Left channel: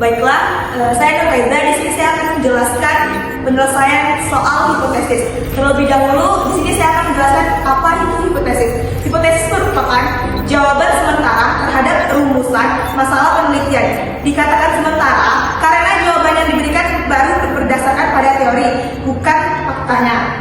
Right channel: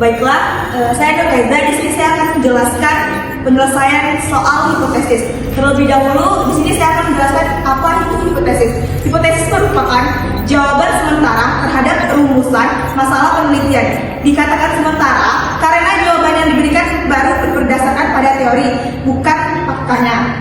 Baiklah, saya Reza. Di sini saya akan menjelaskan penyelesaian soal hipotesis. Terlebih dahulu, di sini saya akan menjelaskan apa itu hipotesis. Hipotesis merupakan jawaban sementara terhadap rumusan masalah penelitian. Dikatakan sementara karena jawaban yang diberikan baru berdasarkan pada teori, bukan faktanya.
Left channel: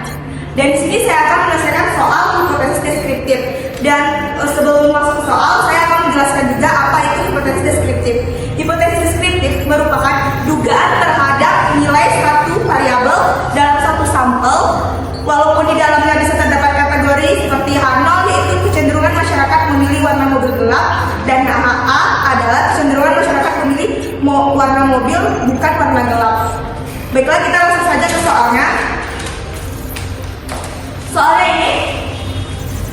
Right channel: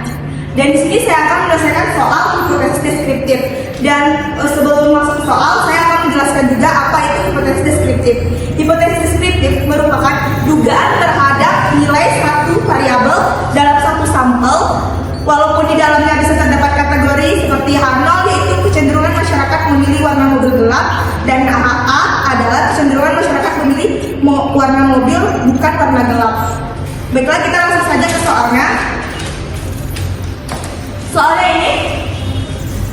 Dan di sini saya akan menyelesaikan soal hipotesis deskriptif. Dan sebelum masuk ke soal, saya akan menjelaskan juga apa itu hipotesis deskriptif. Hipotesis deskriptif merupakan dugaan terhadap nilai satu variabel dalam satu sampel, walaupun di dalamnya bisa terdapat kategori seperti H0, yaitu kecenderungan masyarakat memilih warna mobil gelap, dan HA adalah kecenderungan masyarakat memilih warna mobil bukan warna gelap. Baiklah, kita langsung saja ke soalnya.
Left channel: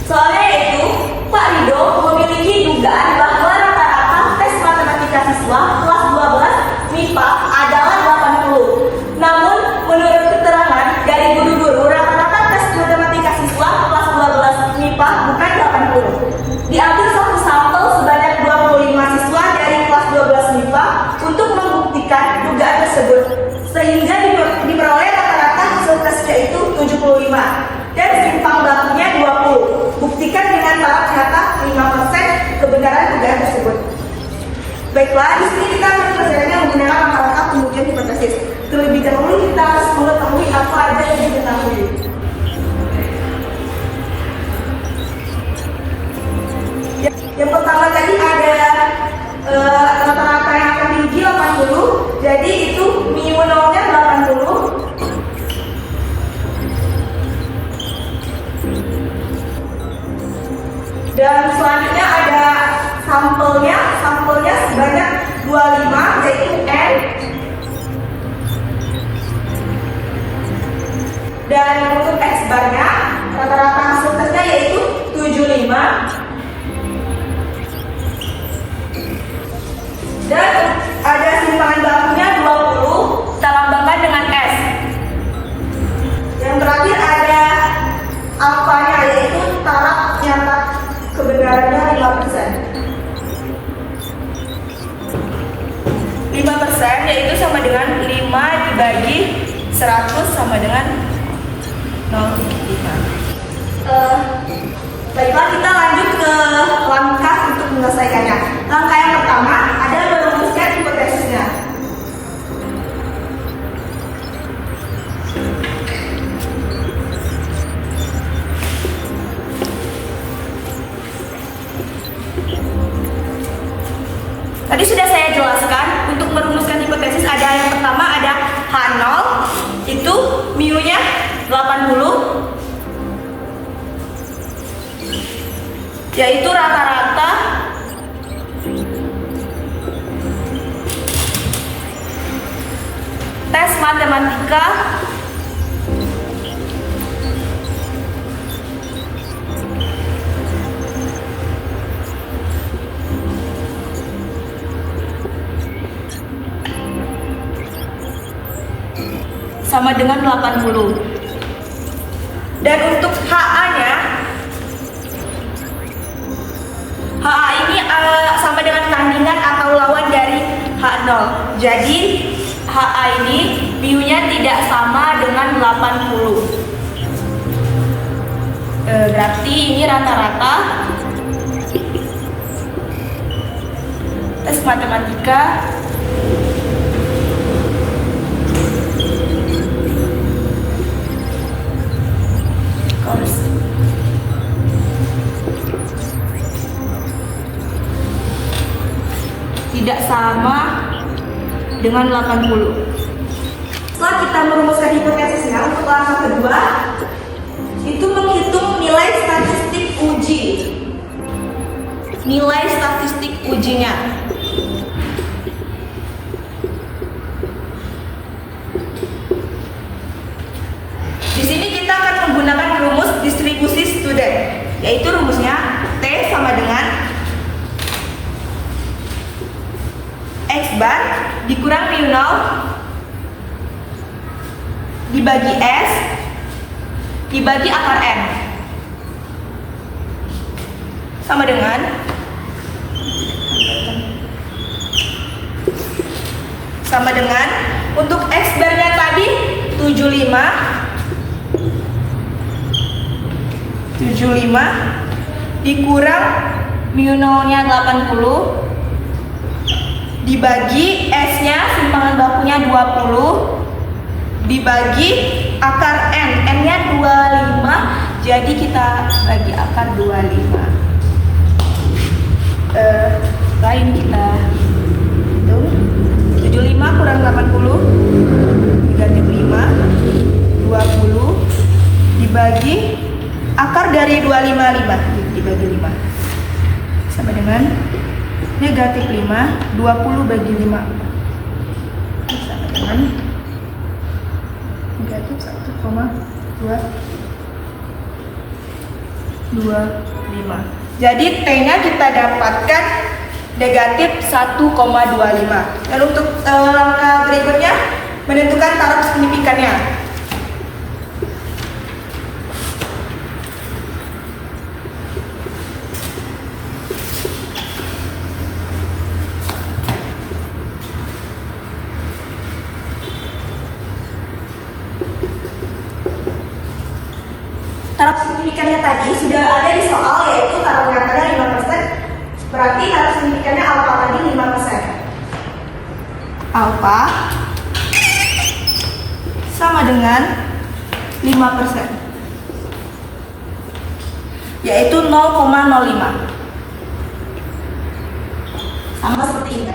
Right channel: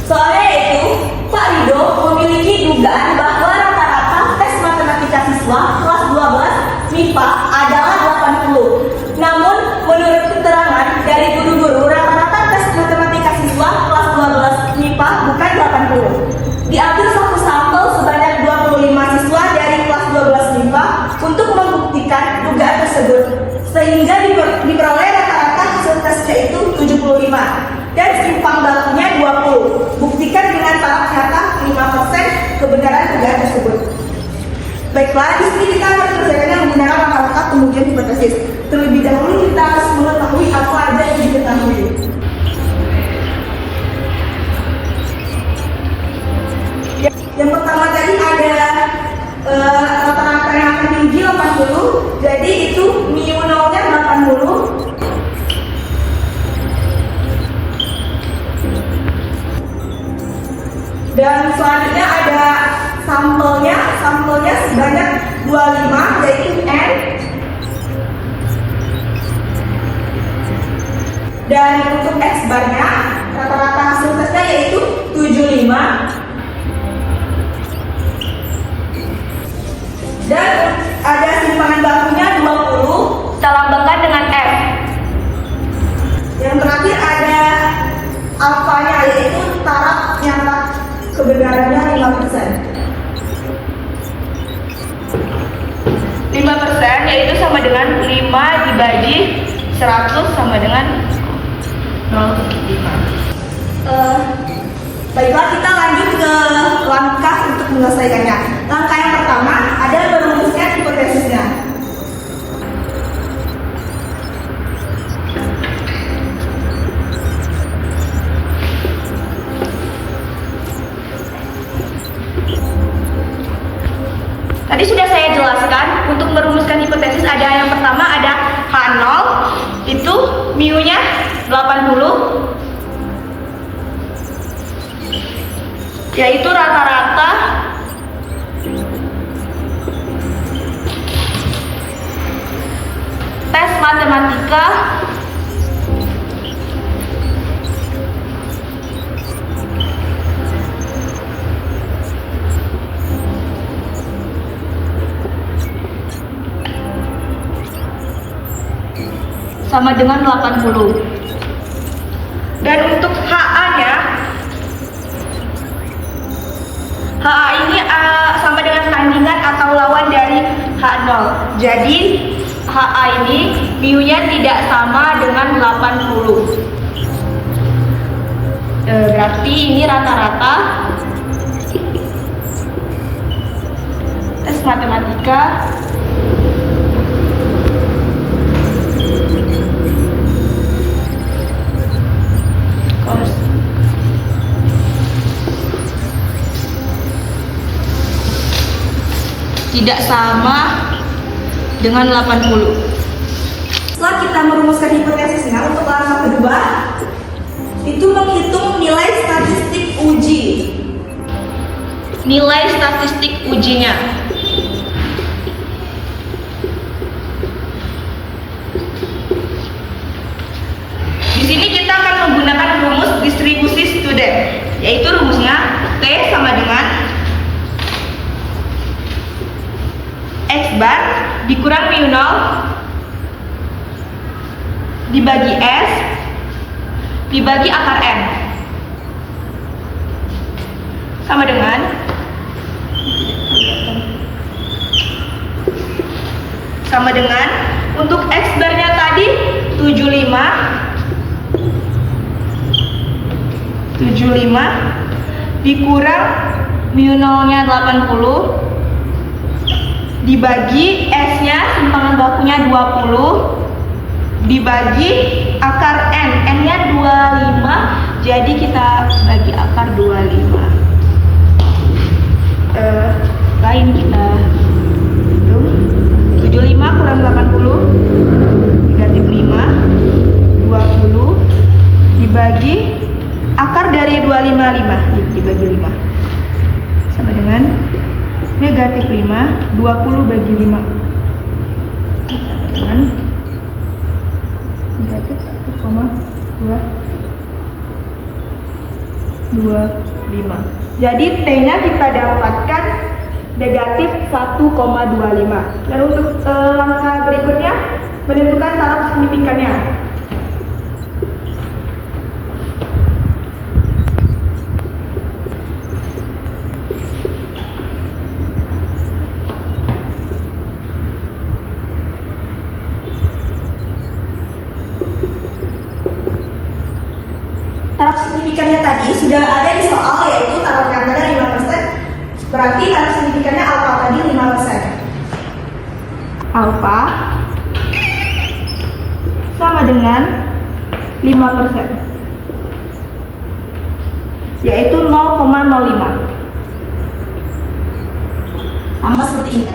Soalnya itu Pak Rido memiliki dugaan bahwa rata-rata tes matematika siswa kelas 12 MIPA adalah 80. Namun menurut keterangan dari guru-guru, rata-rata tes matematika siswa kelas 12 MIPA bukan 80. Diambil satu sampel sebanyak 25 siswa dari kelas 12 MIPA untuk membuktikan dugaan tersebut, sehingga diperoleh rata-rata hasil tesnya itu 75 dan simpang bakunya 20. Buktikan dengan taraf nyata 5% kebenaran dugaan tersebut. Baiklah, di sini kita akan belajarnya menggunakan rata-rata pengujian hipotesis. Terlebih dahulu kita harus mengetahui apa aja yang diketahui. Yang pertama tadi ada rata-rata yang akan diuji 80. Jadi itu mu nolnya 80. Dan selanjutnya ada sampelnya sebanyak 25, yaitu N. Dan untuk X barnya, rata-rata hasil tesnya yaitu 75. Dan ada simpangan bakunya 20, kita lambangkan dengan S. Yang terakhir ada alfanya, yaitu taraf nyata kebenarannya 5%. 5% yaitu sama dengan 5 dibagi 100 sama dengan 0,5. Baiklah, kita lanjut ke langkah untuk menyelesaikannya. Langkah yang pertama ada merumuskan hipotesisnya. Tadi sudah saya jelaskan, untuk merumuskan hipotesis ada yang pertama ada H0, itu mu-nya 80, yaitu rata-rata tes matematika sama dengan 80. Dan untuk HA-nya, HA ini sama dengan kandungan atau lawan dari H0. Jadi HA ini mu-nya tidak sama dengan 80. Berarti ini rata-rata tes matematika tidak sama dengan 80. Setelah kita merumuskan hipotesisnya, untuk langkah kedua itu menghitung nilai statistik uji. Nilai statistik ujinya. Di sini kita akan menggunakan rumus distribusi student, yaitu rumusnya T sama dengan X bar dikurang mu 0 dibagi S dibagi akar N sama dengan sama dengan untuk X barnya tadi 75 dikurang mu nolnya 80 dibagi S-nya simpangan bakunya 20 dibagi akar N-nya 25, jadi kita bagi akar 25. Lain kita hitung 75 kurang 80 negatif 5 20 dibagi akar dari 255 dibagi 5 sama dengan negatif 5 20 bagi 5 sama dengan negatif 1,225. Jadi T-nya kita dapatkan negatif 1,25. Dan untuk langkah berikutnya menentukan taraf signifikannya. Taraf signifikannya tadi sudah ada di soal, yaitu taraf nyatanya 5%. Berarti taraf signifikannya alfa tadi 5%. Alfa sama dengan 5%, yaitu 0,05. Sama seperti ini.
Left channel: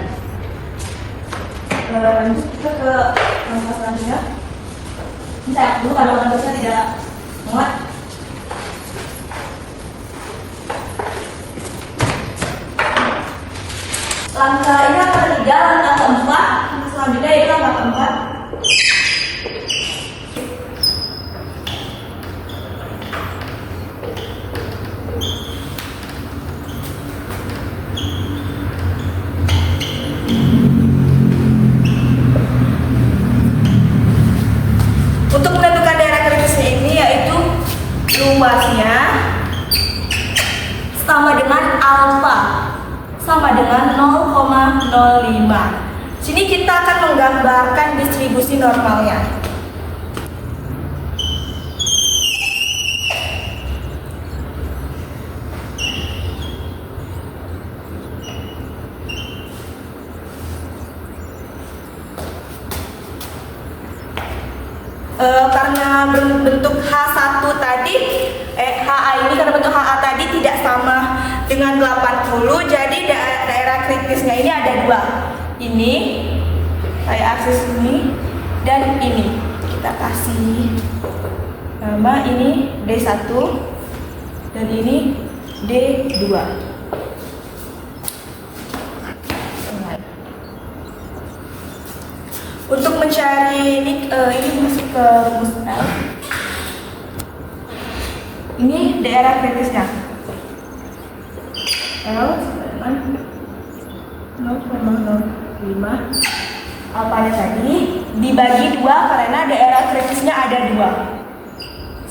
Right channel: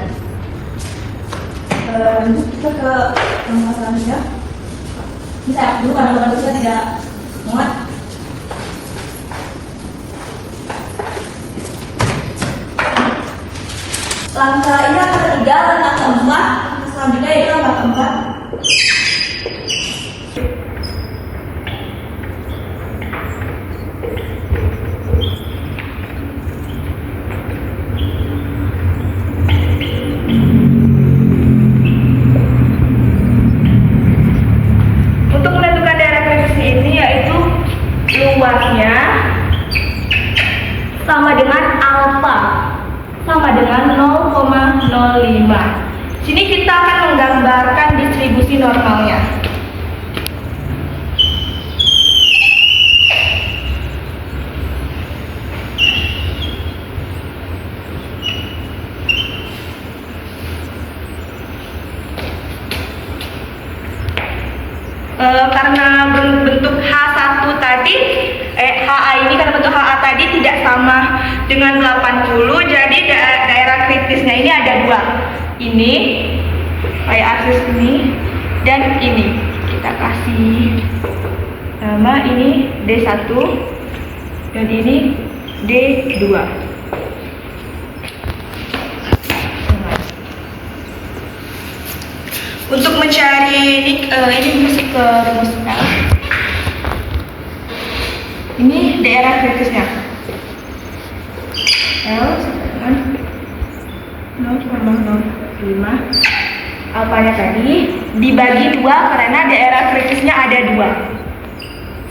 Lanjut kita ke langkah selanjutnya. Bisa dulu kalau manusia tidak muat. Langkah ini langkah ketiga, langkah keempat, selanjutnya yaitu langkah keempat. Untuk menentukan daerah kritisnya ini yaitu luasnya sama dengan alfa sama dengan 0,05. Sini kita akan menggambarkan distribusi normalnya. Karena bentuk H1 tadi, HA ini karena bentuk HA tadi tidak sama dengan 80, jadi daerah kritisnya ini ada dua. Ini kayak aksis ini dan ini. Kita kasih nama ini D1 dan ini D2. Untuk mencari ini masuk ke rumus L. Ini daerah kritisnya. L sama dengan 0,05. Apanya tadi dibagi 2 karena daerah kritisnya ada 2.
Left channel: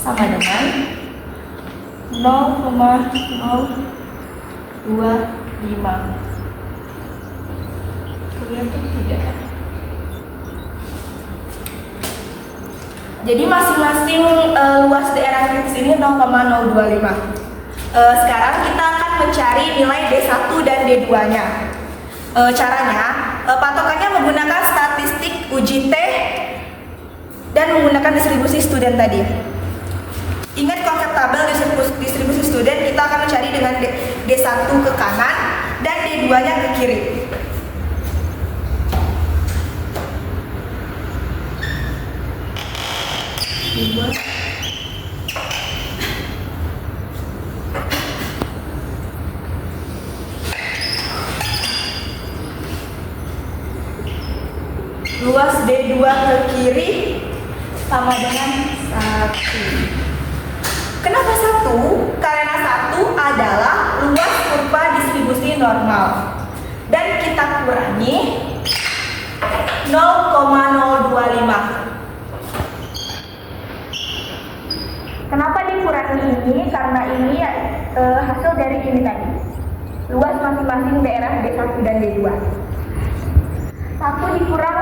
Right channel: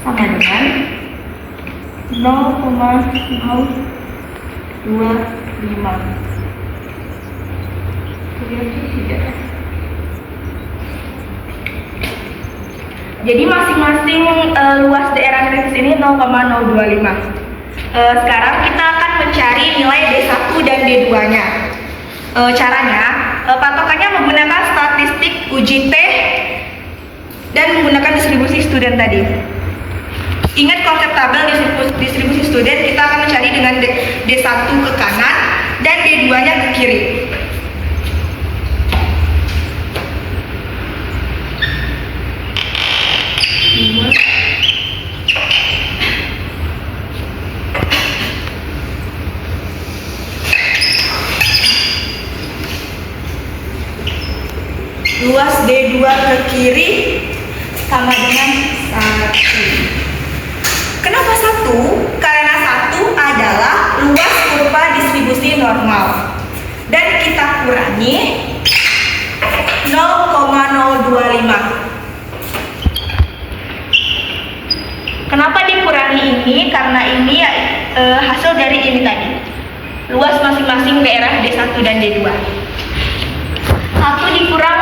Sama dengan 0,025. Kelihatan tidak ya? Jadi masing-masing luas daerah kritis ini 0,025. Sekarang kita akan mencari nilai D1 dan D2-nya. Caranya, patokannya menggunakan statistik uji T dan menggunakan distribusi student tadi. Ingat konsep tabel distribusi student, kita akan mencari dengan D1 ke kanan dan D2-nya ke kiri. Luas D2 ke kiri sama dengan 1. Kenapa 1? Karena 1 adalah luas kurva distribusi normal. Dan kita kurangi 0,025. Kenapa dikurangi ini? Karena ini hasil dari ini tadi. Luas masing-masing daerah D1 dan D2. 1 dikurang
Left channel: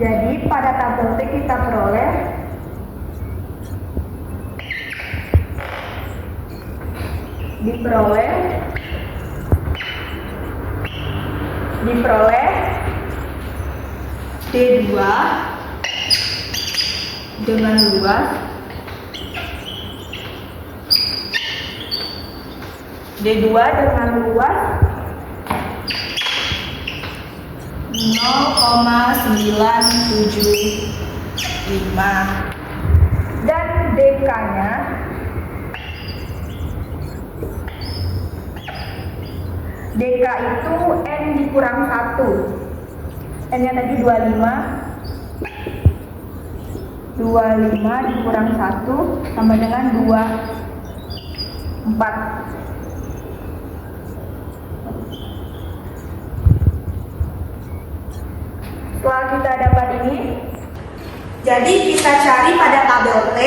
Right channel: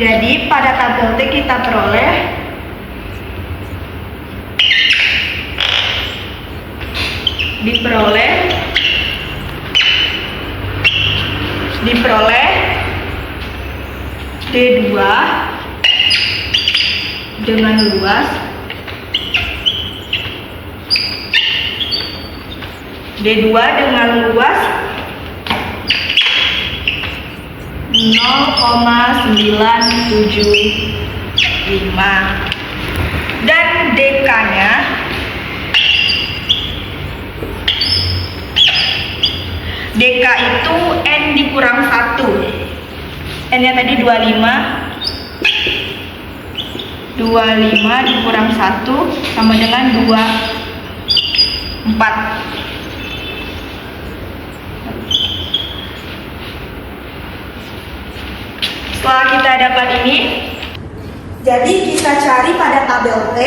Jadi pada tabel T kita peroleh D2 dengan luas dan DK-nya itu N dikurang 1. N-nya tadi 25 dikurang 1 sama dengan 24. Setelah kita dapat ini, jadi kita cari pada tabel T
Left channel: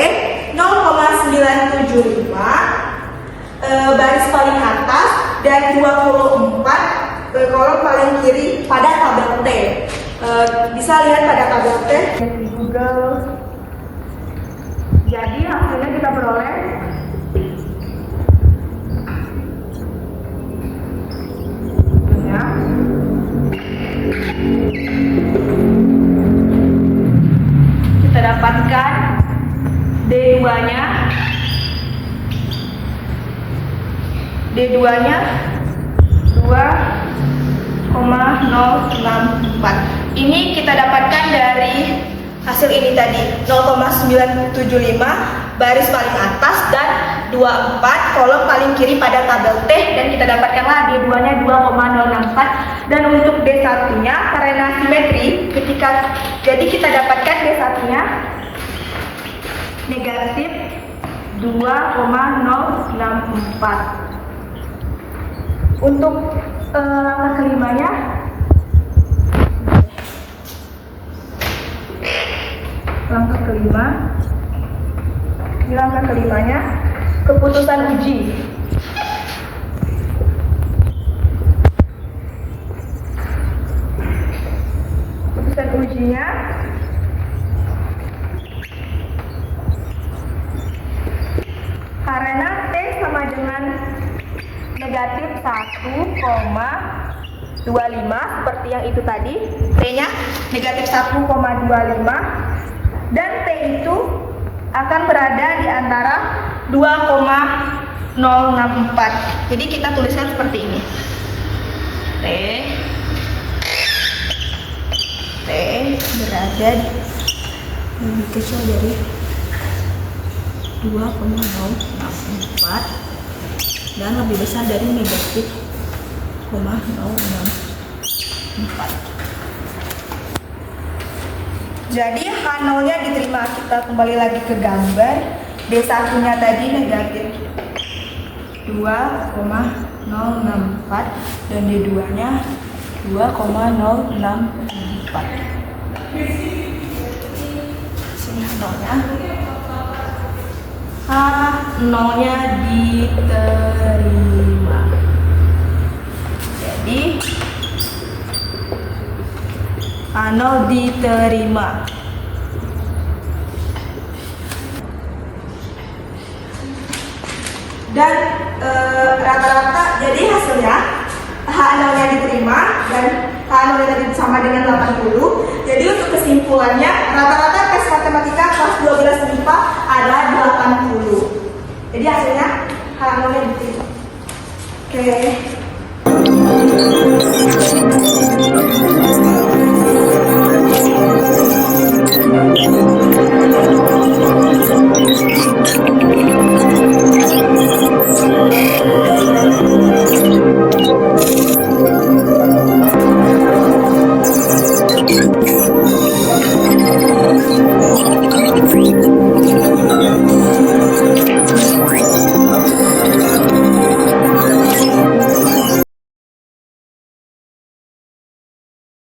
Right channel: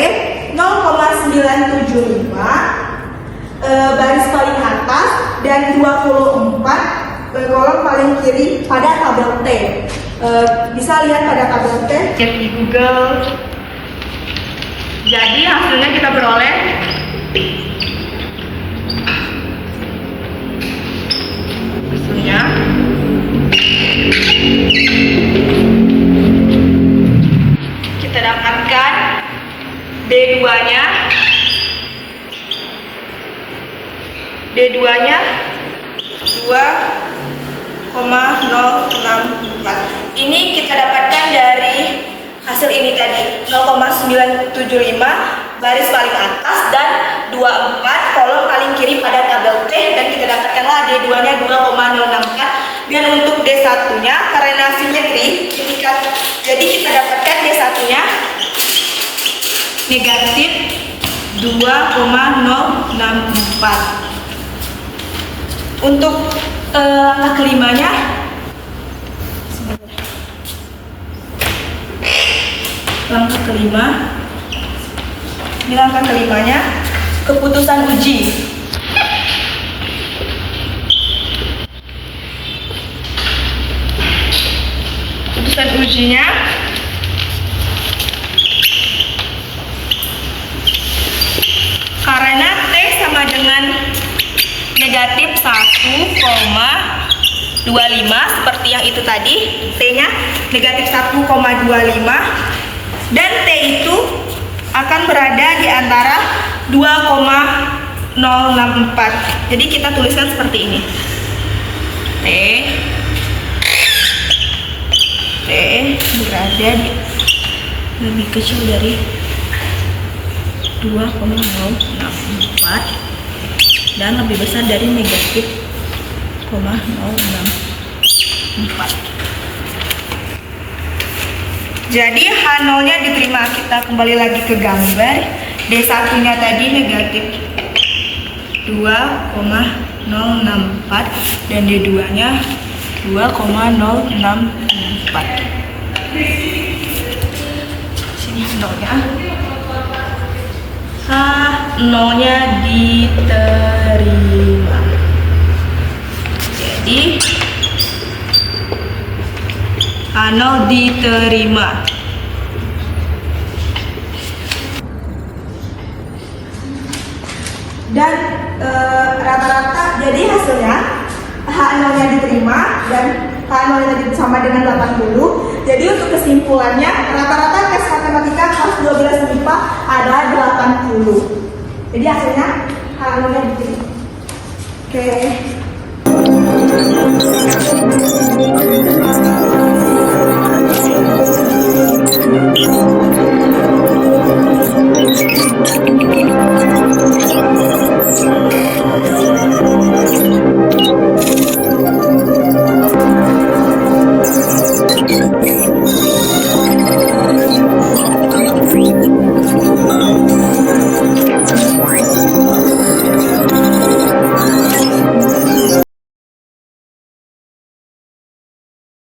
0,975 baris paling atas dan 24 kolom paling kiri pada tabel T. Bisa lihat pada tabel T di Google. Jadi hasilnya kita peroleh kita dapatkan D2-nya 2,064. Ini kita dapatkan dari hasil ini tadi 0,975 baris paling atas dan 24 kolom paling kiri pada tabel T, dan kita dapatkanlah D2-nya 2,064. Dan untuk D1-nya karena simetri jadi kita dapatkan D1-nya negatif 2,064. Untuk langkah kelimanya, ini langkah kelimanya keputusan uji. Keputusan ujinya karena T sama dengan negatif 1,25 seperti yang itu tadi, T-nya negatif 1,25 dan T itu akan berada di antara 2,064. Jadi kita tuliskan seperti ini. T berada di lebih kecil dari 2,064 dan lebih besar dari negatif 0,064. Jadi H0-nya diterima. Kita kembali lagi ke gambar. D1-nya tadi negatif 2,064 dan D2-nya 2,064. Sini nolnya. H0-nya diterima. Jadi H0 diterima. Dan rata-rata jadi hasilnya H0-nya diterima dan H0-nya tadi sama dengan 80. Jadi untuk kesimpulannya rata-rata tes matematika kelas 12 MIPA adalah 80. Jadi hasilnya H0-nya diterima. Oke.